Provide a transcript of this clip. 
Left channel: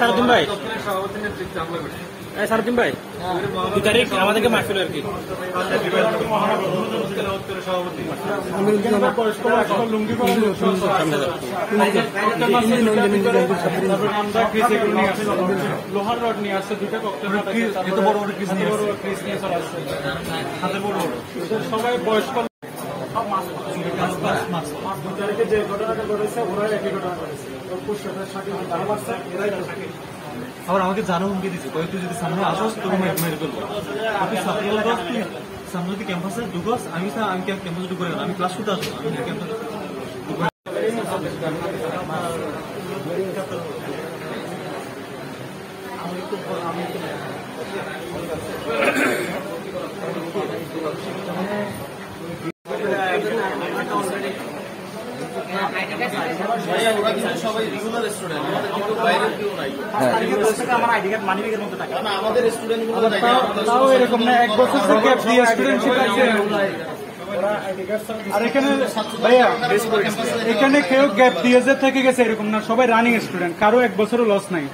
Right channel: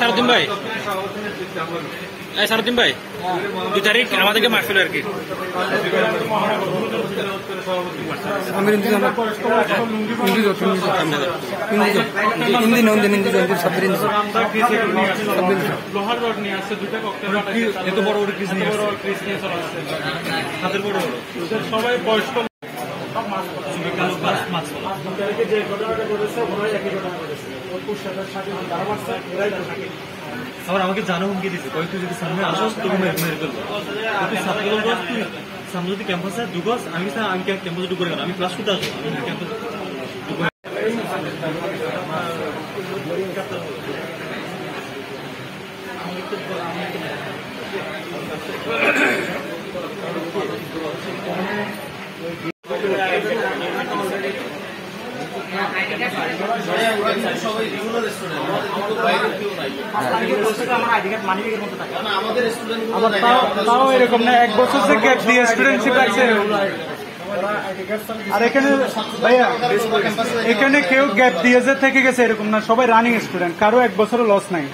সারুদ্দিন ভাই, সারুদ্দিন ভাই 2 তারিখ আমাদেরকে মারছিল আর কি। সবাই বয়স্ক যে ঘটনাটা করেছে ওরাই একই ঘটনা করেছে। और আমাকে জানো হুমকি দিছে, কই তুই যদি সামনে আসস তোকে মেরে ফেলবো। তুই সামনে বলতো তুই সামনে যদি ক্যাম্পাসে ঢুকস, আমি ক্যাম্পাসে ঢুকে গেলাম, আমি ক্লাস করতে আসবো, আমি ক্যাম্পাসে সবাই রেগুলার স্টুডেন্ট, আমাদের বাইরে কেউ নাই। আমাদের স্টুডেন্ট গুলো এরকম না, 1 বছর থেকে স্টুডেন্টশিপ আছে। আর এখানে কেউ গ্যাপ দিয়ে থেকে গেছে এরকম না, সবাই রানিং স্টুডেন্ট, কারো 1 বছরও লস নাই।